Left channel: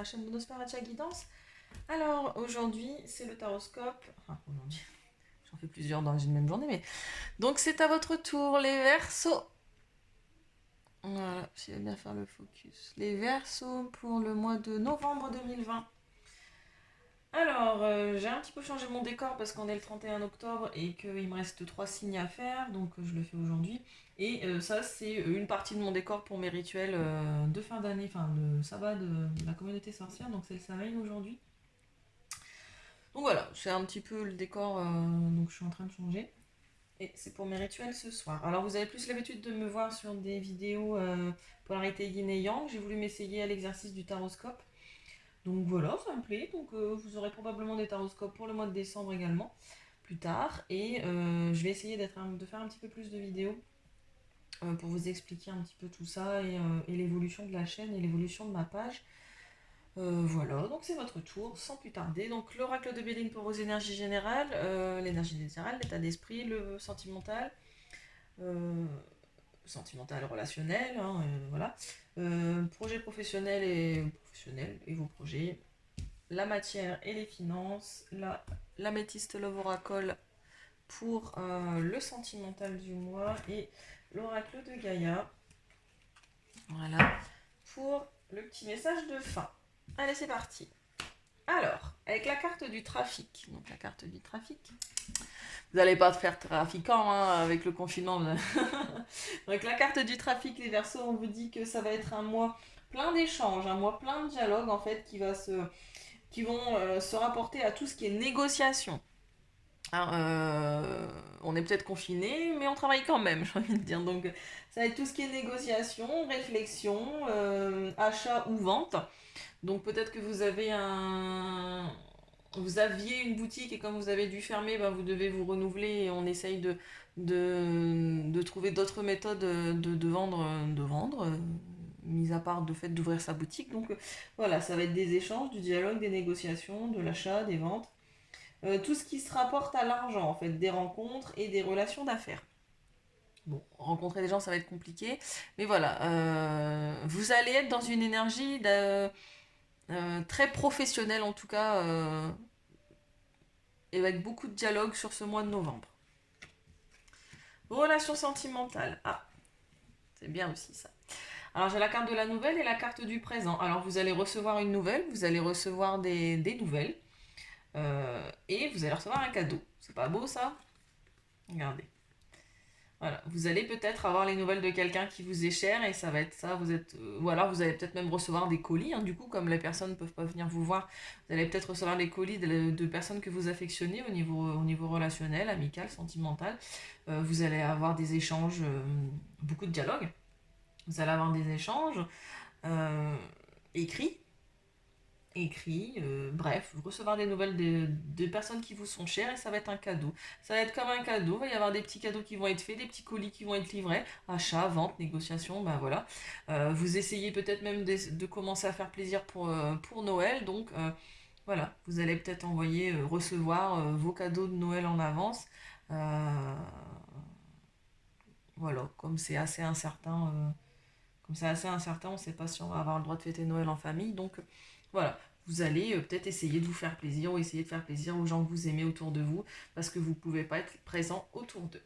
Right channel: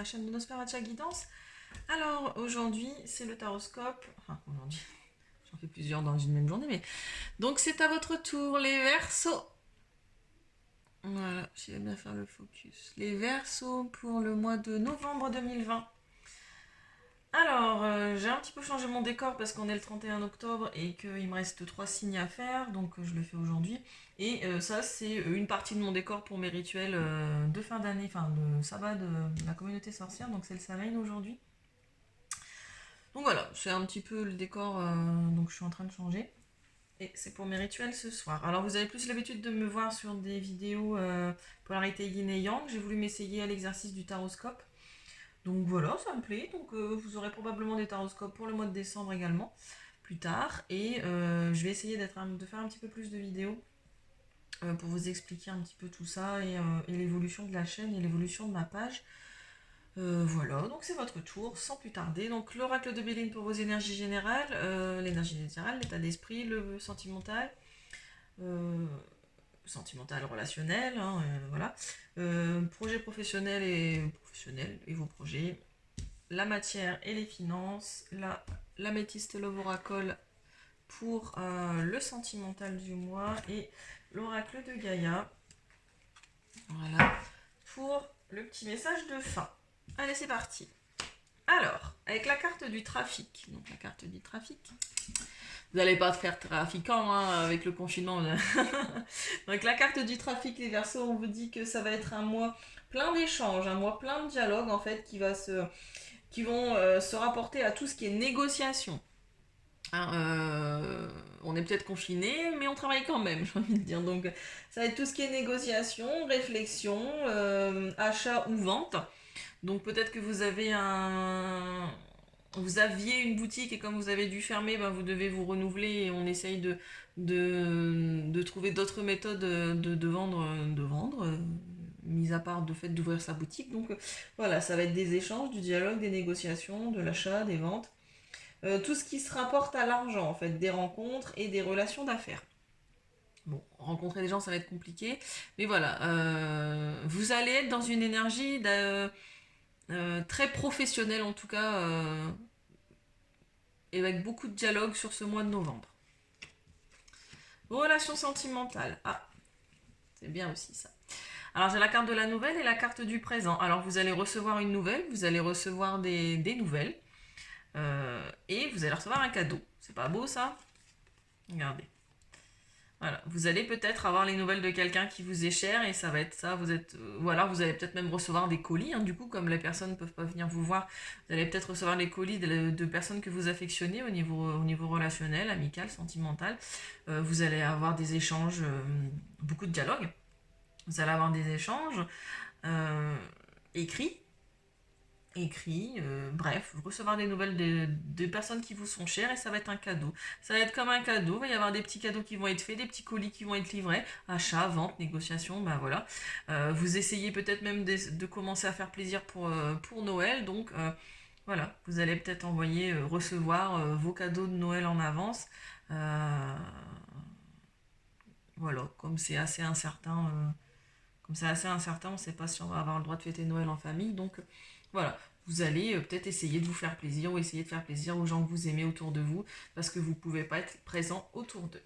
la chaîne de Nosferatu Guidance. Alors aujourd'hui c'est le taroscope, enfin aujourd'hui, j'en fais plusieurs dans une même journée, mais donc c'est à votre tour les Verseaux. Voilà, je vais bien faire le focus. Les Verseaux pour le mois de novembre 2020. Alors, j'ai un petit peu changé mon décor parce qu'on est le 31 octobre et qu'il me reste 3 signes à faire, donc je le fais aujourd'hui. Et ça, c'est une partie de mon décor pour mes rituels de fin d'année, enfin le sabbat de la communauté sorcière, donc c'est le Samhain aujourd'hui. Donc voilà, c'est un petit peu le décor, donc je suis en train de changer. Et c'est pour mes rituels ce soir. Alors vous avez plus l'habitude de me voir sur des vidéos polarité yin et yang. J'ai voulu m'essayer à l'exercice du taroscope. Donc voilà, ça me plaît. Donc vous aurez probablement des taroscopes pour le mois de décembre également, plus tard. Et je vais essayer de faire un petit peu plus de vidéos pour vous expliquer un petit peu tout ça et l'évolution de la chaîne et l'évolution de ma page. Voilà, donc c'est votre tour, sans plus tarder. Donc l'oracle de Béline pour vos énergies générales, l'énergie générale, l'état d'esprit, le sentimental, euh, relationnel, hein, voilà. Projet professionnel et vos projets, la matière et les finances, l'améthyste love oracle pour le sentimental du mois et l'oracle de Gaïa, voilà, pour le petit message de fin. Allez, c'est parti. Alors, avec la carte du trafic, donc la carte du trafic, vous n'allez pas faire trafiquant hein, avec le confinement. Donc la carte du trafic, les Verseaux, on vous dit que ça va être un mois plein d'échanges, un mois plein de dialogues en fait qui vont se rapporter à tout ce qui est négociation. Hein, on est peut-être confiné, mais on travaille quand même, j'ai envie de dire. Donc ça va être tout ce qui est négociation, réflexion, achat ou vente. Donc peut-être que vous aviez une boutique et comme vous avez dû fermer, ben, vous devez vous renouveler et on essaye de trouver d'autres méthodes de vendre, mis à part le fait d'ouvrir sa boutique. Donc voilà, ça va être des échanges, du dialogue, des négociations, de l'achat, des ventes. Tout ce qui se rapporte à l'argent, en fait, des rencontres et des relations d'affaires. Bon, rencontrer des gens, ça va être compliqué, mais voilà, vous allez être dans une énergie très professionnelle en tout cas, et avec beaucoup de dialogue sur ce mois de novembre. Vos relations sentimentales, ah, c'est bien aussi ça. Alors j'ai la carte de la nouvelle et la carte du présent. Alors vous allez recevoir une nouvelle, vous allez recevoir des nouvelles, et vous allez recevoir un cadeau. C'est pas beau ça? Regardez. Voilà, vous allez peut-être avoir les nouvelles de quelqu'un qui vous est cher et ça va être ça, ou alors vous allez peut-être même recevoir des colis, hein, du coup comme les personnes ne peuvent pas venir vous voir, vous allez peut-être recevoir les colis de personnes que vous affectionnez au niveau relationnel, amical, sentimental. Vous allez avoir des échanges, beaucoup de dialogues, vous allez avoir des échanges euh, écrits, bref, recevoir des nouvelles de personnes qui vous sont chères et ça va être un cadeau. Ça va être comme un cadeau, il va y avoir des petits cadeaux qui vont être faits, des petits colis qui vont être livrés, achat, vente, négociation, ben voilà. Vous essayez peut-être même de commencer à faire plaisir pour Noël, donc voilà, vous allez peut-être recevoir vos cadeaux de Noël en avance. Euh, voilà, comme c'est assez incertain, on ne sait pas si on va avoir le droit de fêter Noël en famille. Donc voilà, vous allez peut-être essayer de vous faire plaisir ou essayer de faire plaisir aux gens que vous aimez autour de vous parce que vous ne pouvez pas être présent autour d'eux.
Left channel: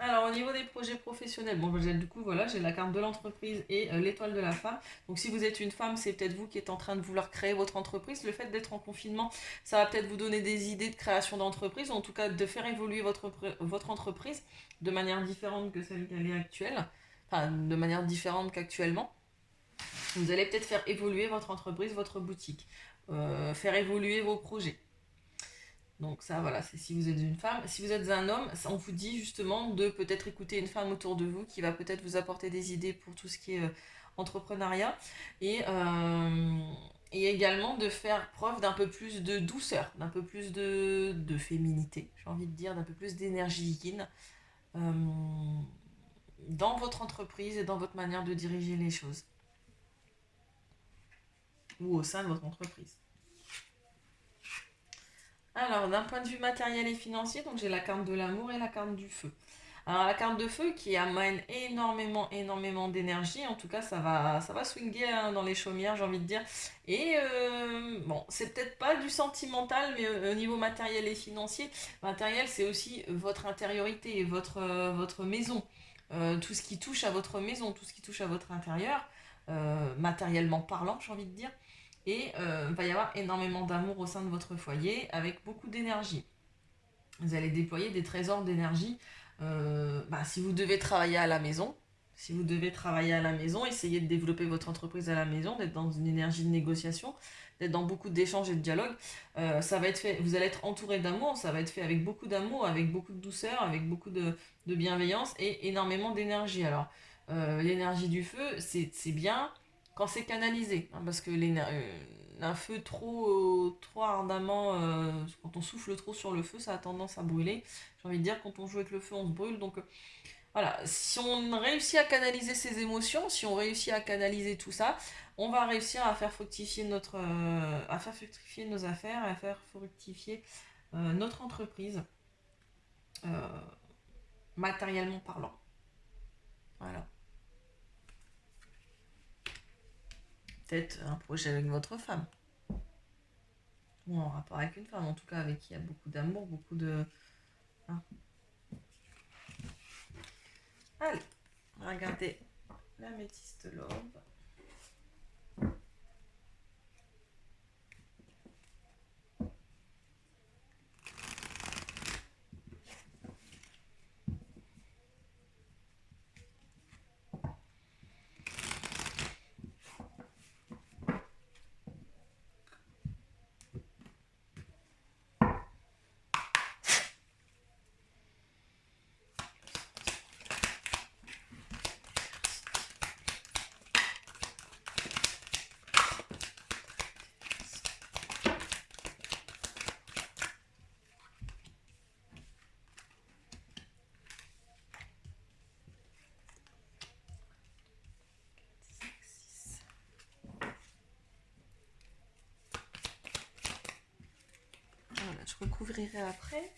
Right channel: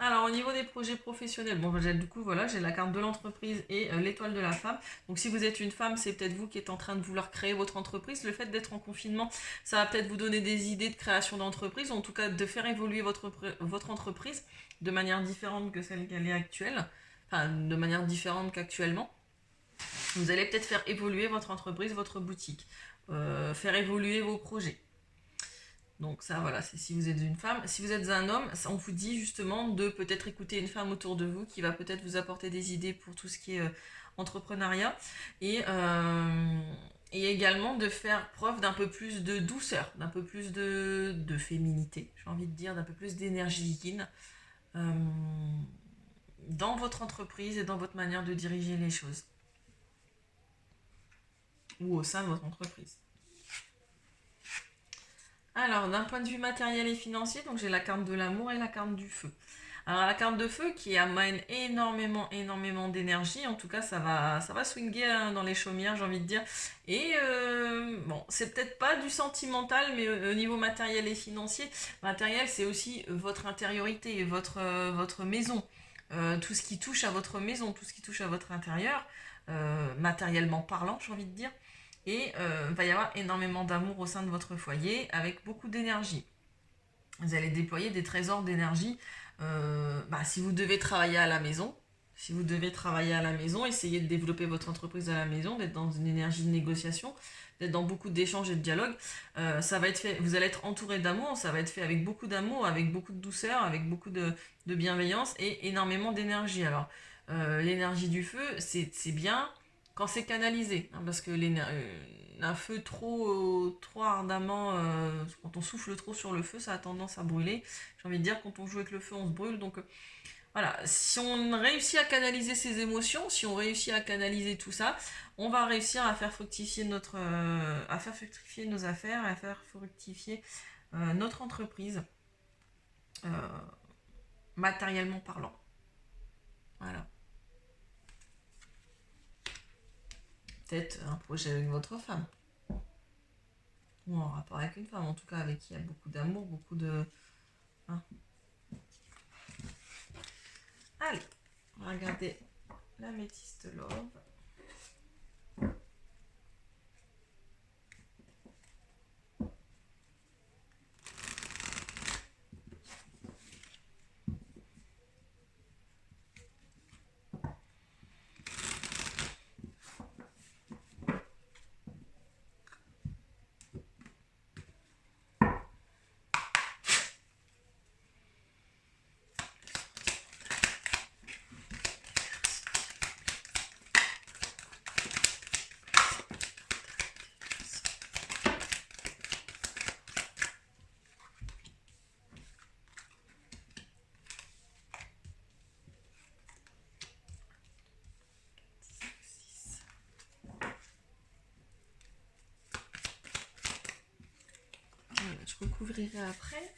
Alors au niveau des projets professionnels, bon du coup voilà, j'ai la carte de l'entreprise et l'étoile de la femme. Donc si vous êtes une femme, c'est peut-être vous qui êtes en train de vouloir créer votre entreprise. Le fait d'être en confinement, ça va peut-être vous donner des idées de création d'entreprise, ou en tout cas de faire évoluer votre entreprise de manière différente que celle qu'elle est actuelle, enfin de manière différente qu'actuellement. Vous allez peut-être faire évoluer votre entreprise, votre boutique, faire évoluer vos projets. Donc ça, voilà, c'est si vous êtes une femme. Si vous êtes un homme, on vous dit justement de peut-être écouter une femme autour de vous qui va peut-être vous apporter des idées pour tout ce qui est entrepreneuriat. Et également de faire preuve d'un peu plus de douceur, d'un peu plus de féminité, j'ai envie de dire, d'un peu plus d'énergie yin euh, dans votre entreprise et dans votre manière de diriger les choses. Ou au sein de votre entreprise. Alors, d'un point de vue matériel et financier, donc j'ai la carte de l'amour et la carte du feu. Alors la carte de feu qui amène énormément d'énergie, en tout cas ça va swinguer hein, dans les chaumières j'ai envie de dire. Et bon, c'est peut-être pas du sentimental, mais au niveau matériel et financier, matériel c'est aussi votre intériorité, votre maison. Tout ce qui touche à votre maison, tout ce qui touche à votre intérieur, matériellement parlant j'ai envie de dire. Et il va y avoir énormément d'amour au sein de votre foyer avec beaucoup d'énergie. Vous allez déployer des trésors d'énergie. Si vous devez travailler à la maison, si vous devez travailler à la maison, essayez de développer votre entreprise à la maison, d'être dans une énergie de négociation, d'être dans beaucoup d'échanges et de dialogues. Ça va être fait, vous allez être entouré d'amour, ça va être fait avec beaucoup d'amour, avec beaucoup de douceur, avec beaucoup de bienveillance et énormément d'énergie. Alors, l'énergie du feu, c'est bien quand c'est canalisé, hein, parce que un feu trop ardemment, quand on souffle trop sur le feu, ça a tendance à brûler. J'ai envie de dire, quand on joue avec le feu, on se brûle. Donc voilà, si on réussit à canaliser ses émotions, si on réussit à canaliser tout ça, on va réussir à faire fructifier à faire fructifier nos affaires, à faire fructifier notre entreprise, euh, matériellement parlant. Voilà. Peut-être un projet avec votre femme, ou en rapport avec une femme, en tout cas avec qui il y a beaucoup d'amour, beaucoup de... hein. Allez, regardez l'améthyste love. Voilà, je recouvrirai après.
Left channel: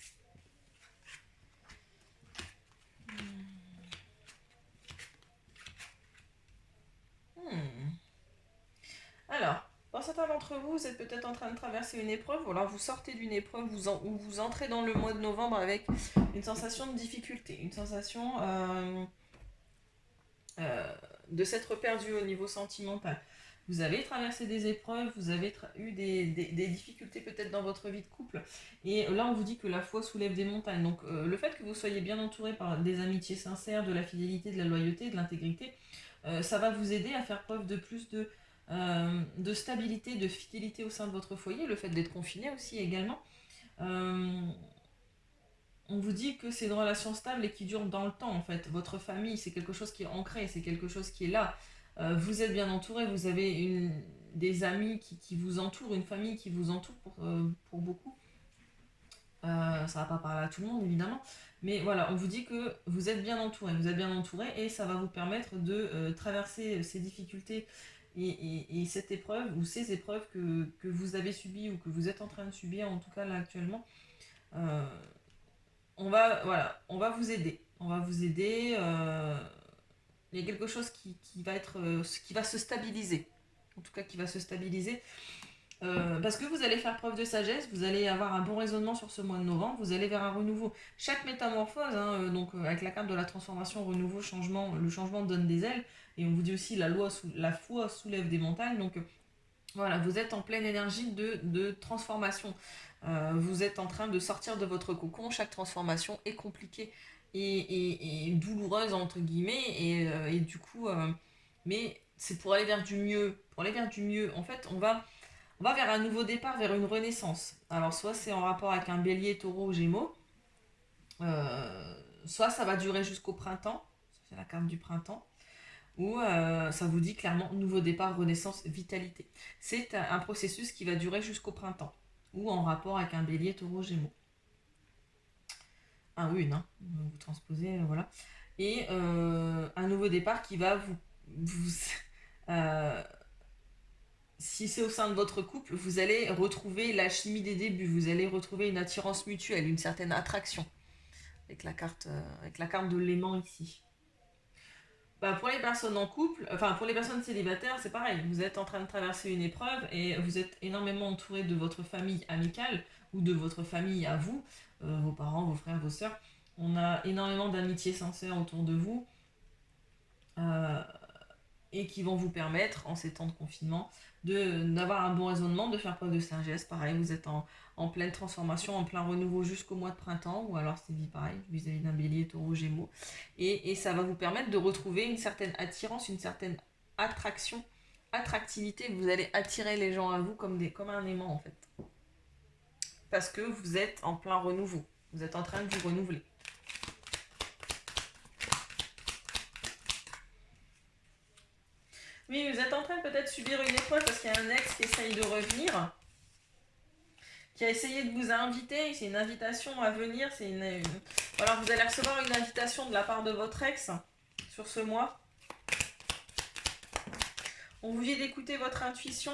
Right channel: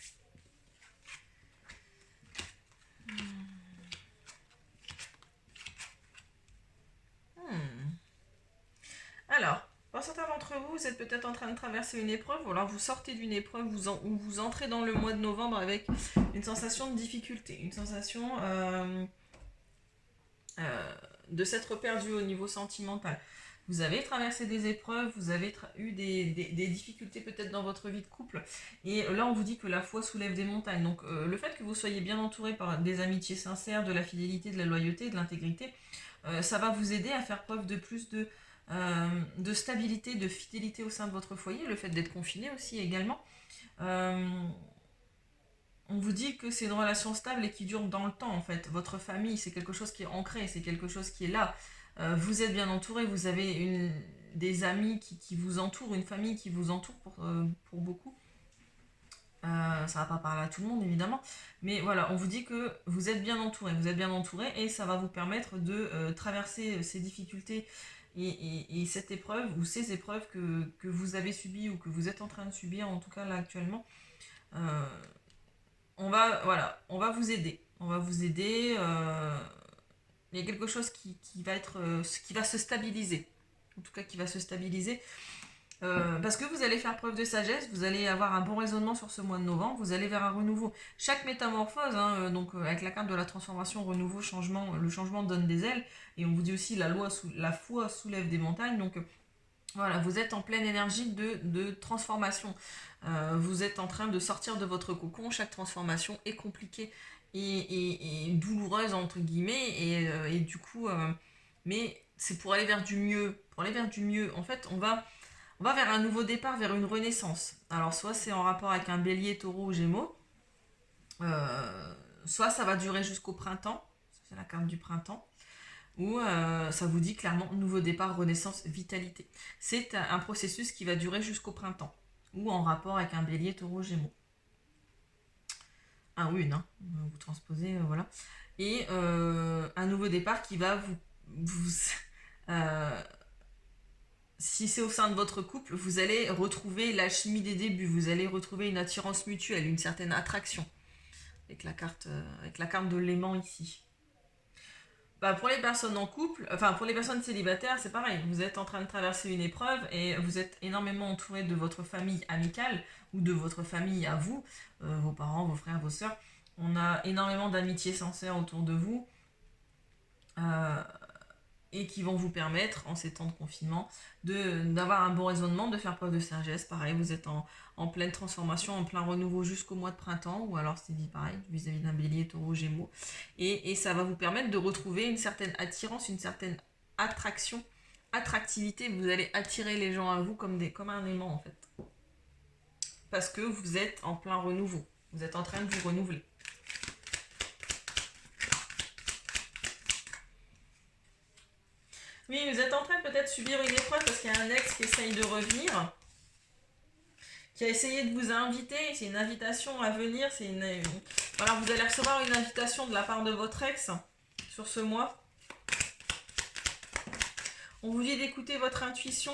Alors, pour certains d'entre vous, vous êtes peut-être en train de traverser une épreuve, ou alors vous sortez d'une épreuve, ou vous entrez dans le mois de novembre avec une sensation de difficulté, une sensation de s'être perdu au niveau sentimental. Vous avez traversé des épreuves, vous avez eu des difficultés peut-être dans votre vie de couple. Et là, on vous dit que la foi soulève des montagnes. Donc, le fait que vous soyez bien entouré par des amitiés sincères, de la fidélité, de la loyauté, de l'intégrité, ça va vous aider à faire preuve de plus de stabilité, de fidélité au sein de votre foyer. Le fait d'être confiné aussi également. Euh, on vous dit que c'est une relation stable et qui dure dans le temps en fait. Votre famille, c'est quelque chose qui est ancré, c'est quelque chose qui est là. Vous êtes bien entouré, vous avez des amis qui vous entourent, une famille qui vous entoure pour beaucoup. Ça va pas parler à tout le monde évidemment, mais voilà, on vous dit que vous êtes bien entouré et ça va vous permettre de traverser ces difficultés et cette épreuve ou ces épreuves que vous avez subies ou que vous êtes en train de subir en tout cas là actuellement. Euh, on va vous aider. On va vous aider. Il y a quelque chose qui va qui va se stabiliser. En tout cas, qui va se stabiliser. Parce que vous allez faire preuve de sagesse, vous allez avoir un bon raisonnement sur ce mois de novembre, vous allez vers un renouveau. Chaque métamorphose, hein, avec la carte de la transformation, renouveau, changement, le changement donne des ailes, et on vous dit aussi la foi soulève des montagnes, donc voilà, vous êtes en pleine énergie de transformation. Vous êtes en train de sortir de votre cocon. Chaque transformation est compliquée et douloureuse, entre guillemets. Et du coup, mais c'est pour aller vers du mieux. Pour aller vers du mieux, en fait, on va vers un nouveau départ, vers une renaissance. Alors, soit c'est en rapport avec un bélier, taureau ou gémeaux. Soit ça va durer jusqu'au printemps. C'est la carte du printemps où ça vous dit clairement nouveau départ, renaissance, vitalité. C'est un processus qui va durer jusqu'au printemps, ou en rapport avec un bélier, taureau, gémeaux. Un ou une, hein, vous transposez, voilà. Et un nouveau départ qui va euh, si c'est au sein de votre couple, vous allez retrouver la chimie des débuts, vous allez retrouver une attirance mutuelle, une certaine attraction. avec la carte de l'aimant ici. Bah, pour les personnes en couple, enfin pour les personnes célibataires, c'est pareil. Vous êtes en train de traverser une épreuve et vous êtes énormément entouré de votre famille amicale ou de votre famille à vous, vos parents, vos frères, vos sœurs. On a énormément d'amitiés sincères autour de vous euh, et qui vont vous permettre, en ces temps de confinement, d'avoir un bon raisonnement, de faire preuve de sagesse. Pareil, vous êtes en pleine transformation, en plein renouveau jusqu'au mois de printemps, ou alors c'est dit pareil, vis-à-vis d'un bélier, taureau, gémeaux. Et ça va vous permettre de retrouver une certaine attirance, une certaine attraction, attractivité. Vous allez attirer les gens à vous comme un aimant en fait. Parce que vous êtes en plein renouveau. Vous êtes en train de vous renouveler. Oui, vous êtes en train de peut-être subir une épreuve parce qu'il y a un ex qui essaye de revenir, qui a essayé de vous inviter. C'est une invitation à venir. Voilà, vous allez recevoir une invitation de la part de votre ex sur ce mois. On vous dit d'écouter votre intuition.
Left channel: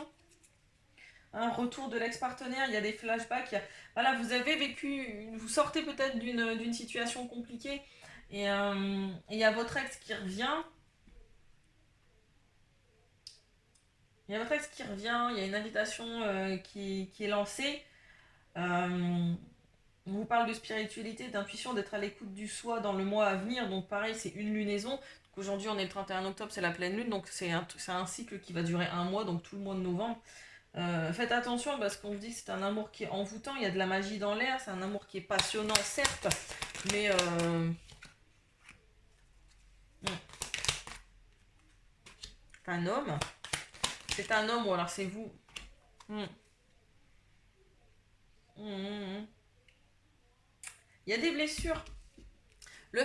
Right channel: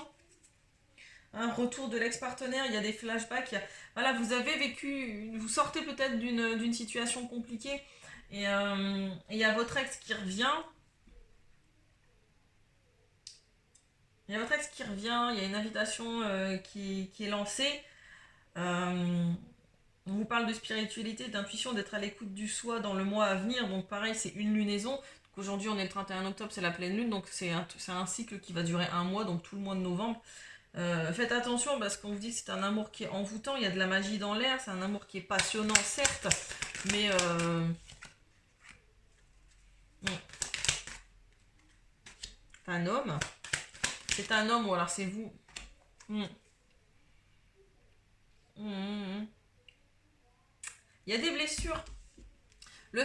Un retour de l'ex-partenaire, il y a des flashbacks. Voilà, vous avez vécu, vous sortez peut-être d'une situation compliquée et il y a votre ex qui revient. Il y a votre ex qui revient, il y a une invitation qui est lancée. On vous parle de spiritualité, d'intuition, d'être à l'écoute du soi dans le mois à venir. Donc pareil, c'est une lunaison. Aujourd'hui, on est le 31 octobre, c'est la pleine lune. Donc c'est un cycle qui va durer un mois, donc tout le mois de novembre. Faites attention parce qu'on vous dit que c'est un amour qui est envoûtant. Il y a de la magie dans l'air. C'est un amour qui est passionnant, certes. Mais c'est un homme. C'est un homme ou alors c'est vous. Mm. Mm. Il y a des blessures. Le...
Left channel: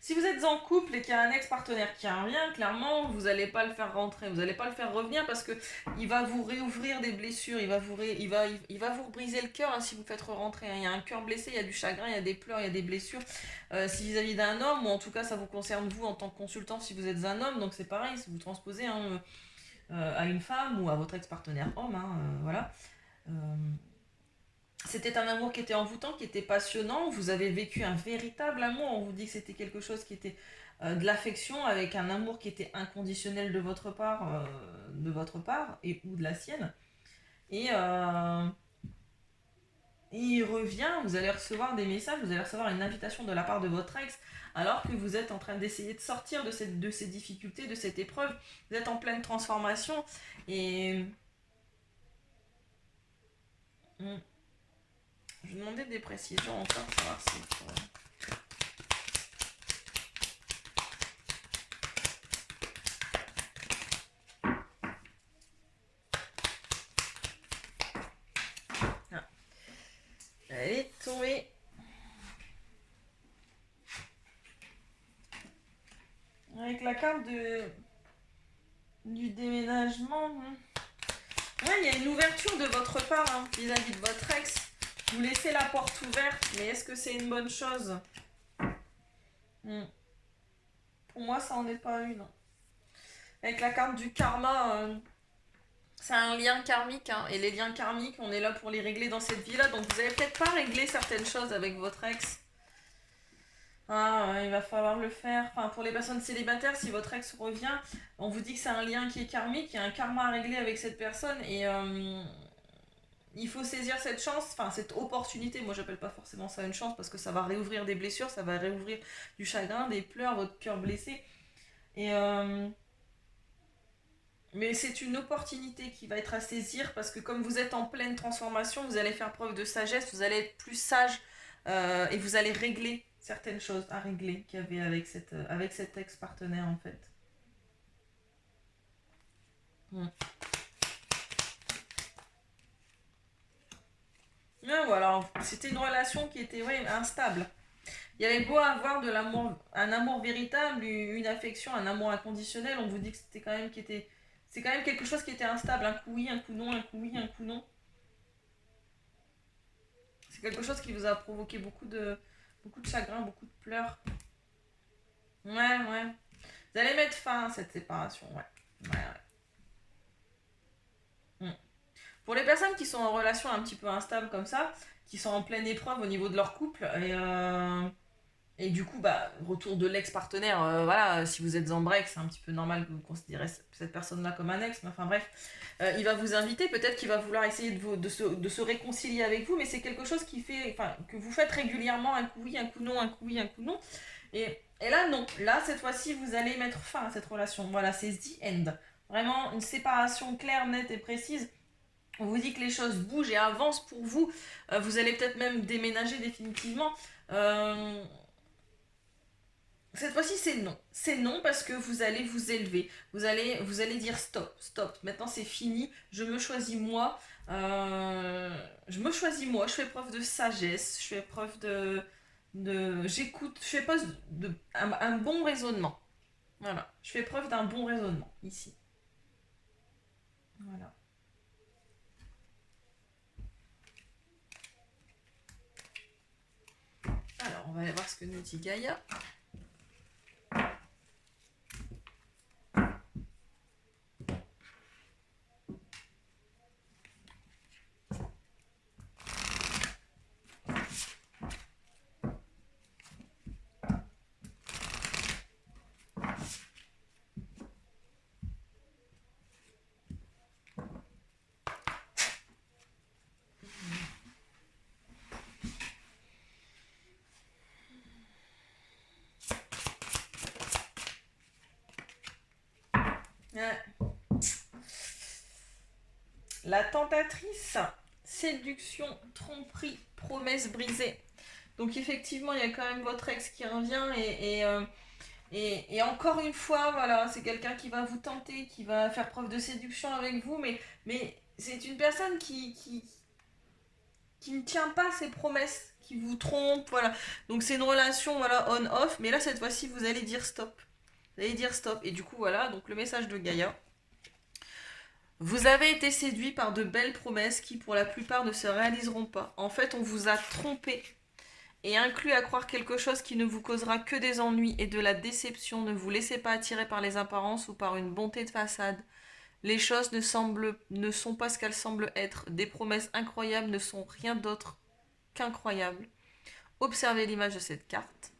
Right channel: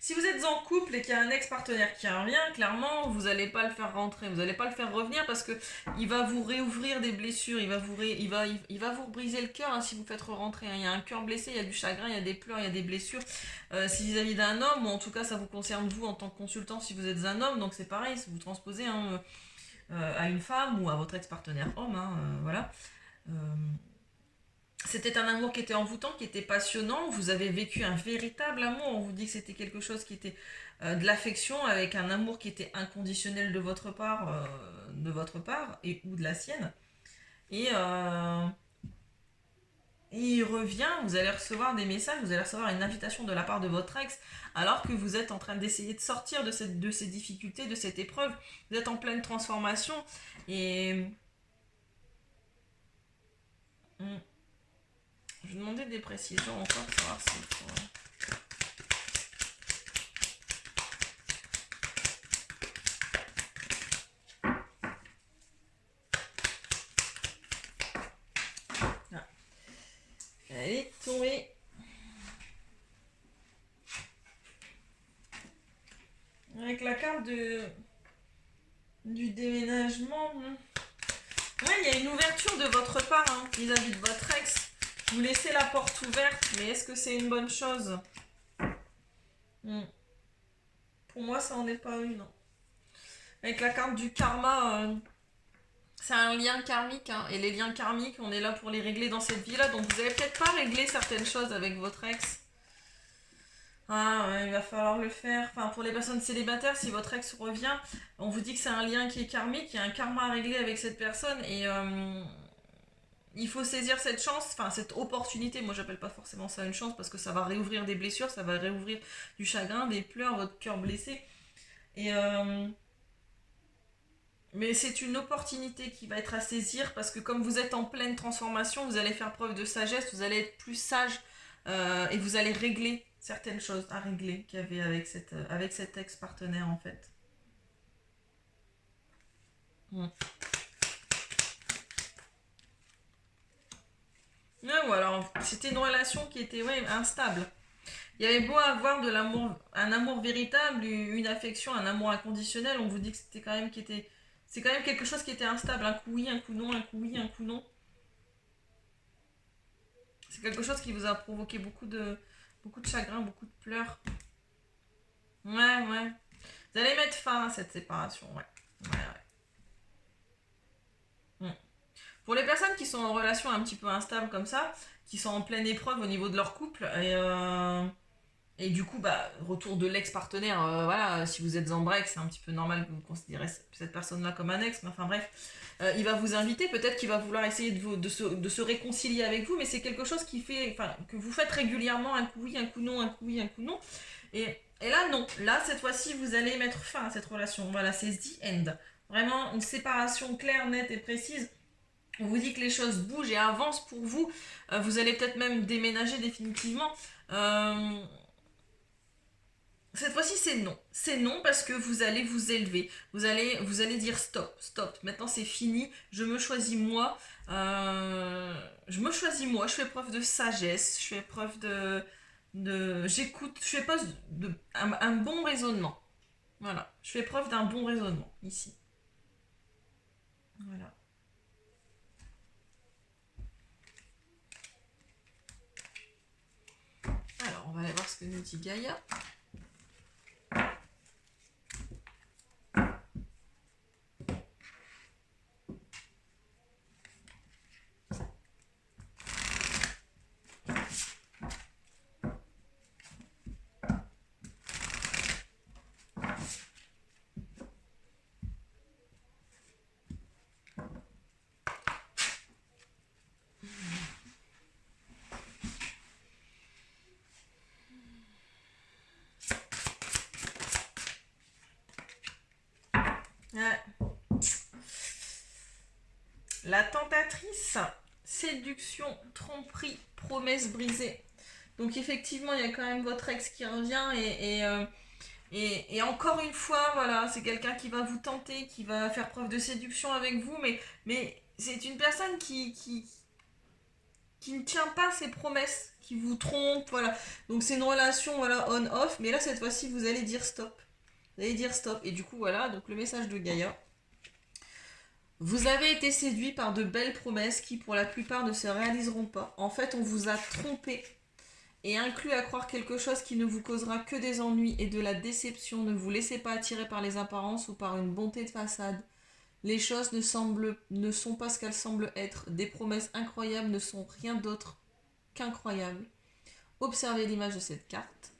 Si vous êtes en couple et qu'il y a un ex-partenaire qui revient, clairement, vous n'allez pas le faire rentrer, vous n'allez pas le faire revenir parce que il va vous réouvrir des blessures, il va vous briser le cœur hein, si vous faites rentrer. Il y a un cœur blessé, il y a du chagrin, il y a des pleurs, il y a des blessures. Si vis-à-vis d'un homme, ou en tout cas ça vous concerne vous en tant que consultant si vous êtes un homme, donc c'est pareil, si vous transposez à une femme ou à votre ex-partenaire homme, voilà. Euh, C'était un amour qui était envoûtant, qui était passionnant. Vous avez vécu un véritable amour. On vous dit que c'était quelque chose qui était de l'affection, avec un amour qui était inconditionnel de votre part et ou de la sienne. Et il revient. Vous allez recevoir des messages, vous allez recevoir une invitation de la part de votre ex, alors que vous êtes en train d'essayer de sortir de ces difficultés, de cette épreuve. Vous êtes en pleine transformation et je vais demander des précisions encore pour savoir si. Elle est tombée. Avec la carte du déménagement. Ouais, il y a une ouverture de votre part hein, vis-à-vis de votre ex. Vous laissez la porte ouverte, mais est-ce que c'est une bonne chose? Pour moi, ça en est pas une. Non. Avec la carte du karma, c'est un lien karmique. Hein, et les liens karmiques, on est là pour les régler dans cette vie-là. Donc vous avez peut-être pas réglé certaines choses avec votre ex. Ah ouais, il va falloir le faire. Enfin, pour les personnes célibataires, si votre ex revient, on vous dit que c'est un lien qui est karmique, il y a un karma à régler avec cette personne et il faut saisir cette chance, enfin cette opportunité. Moi, j'appelle pas forcément ça une chance parce que ça va réouvrir des blessures, ça va réouvrir du chagrin, des pleurs, votre cœur blessé. Et mais c'est une opportunité qui va être à saisir parce que comme vous êtes en pleine transformation, vous allez faire preuve de sagesse, vous allez être plus sage et vous allez régler certaines choses à régler qu'il y avait avec cet ex-partenaire en fait. Mm. Ouais, ou alors c'était une relation qui était ouais, instable. Il y avait beau avoir de l'amour, un amour véritable, une affection, un amour inconditionnel, on vous dit que c'était quand même c'est quand même quelque chose qui était instable, un coup oui, un coup non, un coup oui, un coup non. C'est quelque chose qui vous a provoqué beaucoup de chagrin, beaucoup de pleurs. Ouais, ouais. Vous allez mettre fin à cette séparation, ouais. Ouais, ouais. Mm. Pour les personnes qui sont en relation un petit peu instable comme ça, qui sont en pleine épreuve au niveau de leur couple, et du coup, bah, retour de l'ex-partenaire, voilà, si vous êtes en break, c'est un petit peu normal que vous considérez cette personne-là comme un ex, mais enfin bref, il va vous inviter, peut-être qu'il va vouloir essayer de se réconcilier avec vous, mais c'est quelque chose qui fait, enfin, que vous faites régulièrement, un coup oui, un coup non, un coup oui, un coup non, et là non, là cette fois-ci vous allez mettre fin à cette relation, voilà, c'est the end, vraiment une séparation claire, nette et précise. On vous dit que les choses bougent et avancent pour vous. Vous allez peut-être même déménager définitivement. Euh, cette fois-ci, c'est non. C'est non parce que vous allez vous élever. Vous allez dire stop, stop. Maintenant, c'est fini. Je me choisis moi. Je me choisis moi. Je fais preuve de sagesse. Je fais preuve j'écoute. Je fais preuve un bon raisonnement. Voilà. Je fais preuve d'un bon raisonnement ici. Voilà. Alors, on va aller voir ce que nous dit Gaïa. La tentatrice, séduction, tromperie, promesse brisée. Donc effectivement, il y a quand même votre ex qui revient et encore une fois, voilà, c'est quelqu'un qui va vous tenter, qui va faire preuve de séduction avec vous, mais c'est une personne qui ne tient pas ses promesses, qui vous trompe, voilà. Donc c'est une relation, voilà, on-off, mais là, cette fois-ci, vous allez dire stop. Vous allez dire stop. Et du coup, voilà, donc le message de Gaïa. Vous avez été séduit par de belles promesses qui, pour la plupart, ne se réaliseront pas. En fait, on vous a trompé et inclus à croire quelque chose qui ne vous causera que des ennuis et de la déception. Ne vous laissez pas attirer par les apparences ou par une bonté de façade. Les choses ne sont pas ce qu'elles semblent être. Des promesses incroyables ne sont rien d'autre qu'incroyables. Observez l'image de cette carte.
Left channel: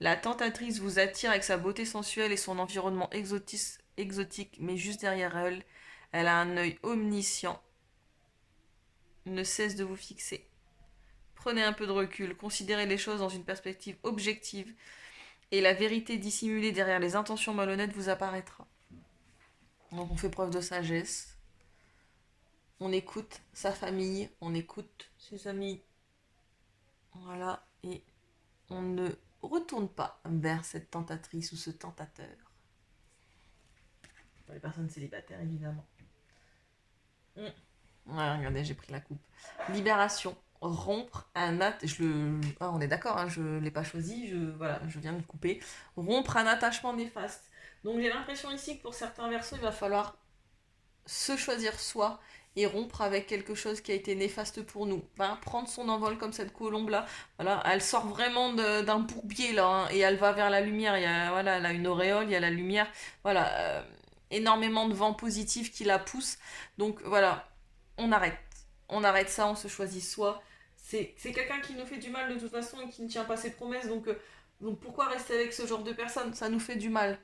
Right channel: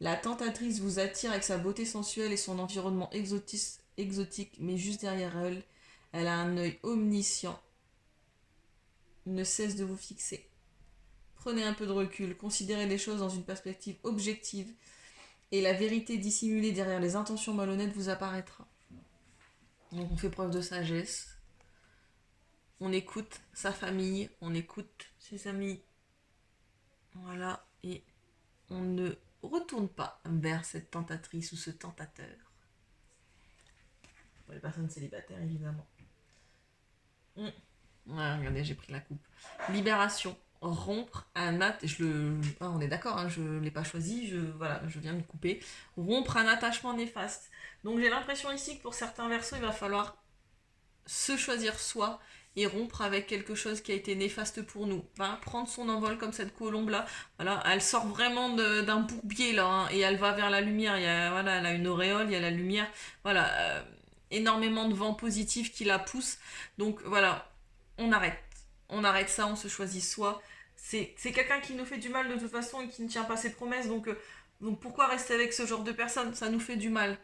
La tentatrice vous attire avec sa beauté sensuelle et son environnement exotique, mais juste derrière elle, elle a un œil omniscient, ne cesse de vous fixer. Prenez un peu de recul, considérez les choses dans une perspective objective, et la vérité dissimulée derrière les intentions malhonnêtes vous apparaîtra. Donc on fait preuve de sagesse, on écoute sa famille, on écoute ses amis, voilà, et on ne retourne pas vers cette tentatrice ou ce tentateur. Pour les personnes célibataires, évidemment. Ouais, regardez, j'ai pris la coupe. Libération. Rompre un on est d'accord, hein, je ne l'ai pas choisi, je viens de couper. Rompre un attachement néfaste. Donc j'ai l'impression ici que pour certains versos, il va falloir se choisir soi et rompre avec quelque chose qui a été néfaste pour nous. Voilà, prendre son envol comme cette colombe là. Voilà, elle sort vraiment d'un bourbier là, hein, et elle va vers la lumière. Elle a une auréole, il y a la lumière. Voilà, énormément de vent positif qui la pousse. Donc voilà, on arrête. On arrête ça, on se choisit soi. C'est quelqu'un qui nous fait du mal de toute façon et qui ne tient pas ses promesses. Donc pourquoi rester avec ce genre de personne? Ça nous fait du mal.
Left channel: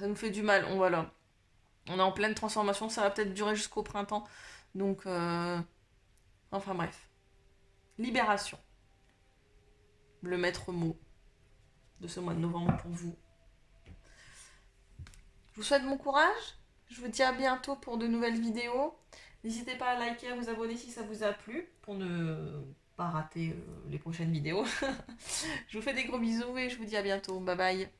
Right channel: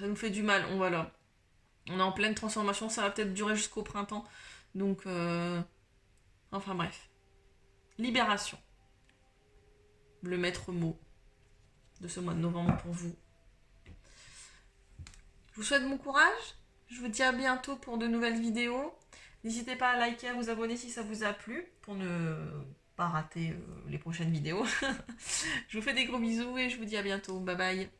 Ça nous fait du mal. On est en pleine transformation, ça va peut-être durer jusqu'au printemps. Donc, enfin bref. Libération. Le maître mot de ce mois de novembre pour vous. Je vous souhaite bon courage. Je vous dis à bientôt pour de nouvelles vidéos. N'hésitez pas à liker, à vous abonner si ça vous a plu pour ne pas rater les prochaines vidéos. Je vous fais des gros bisous et je vous dis à bientôt. Bye bye.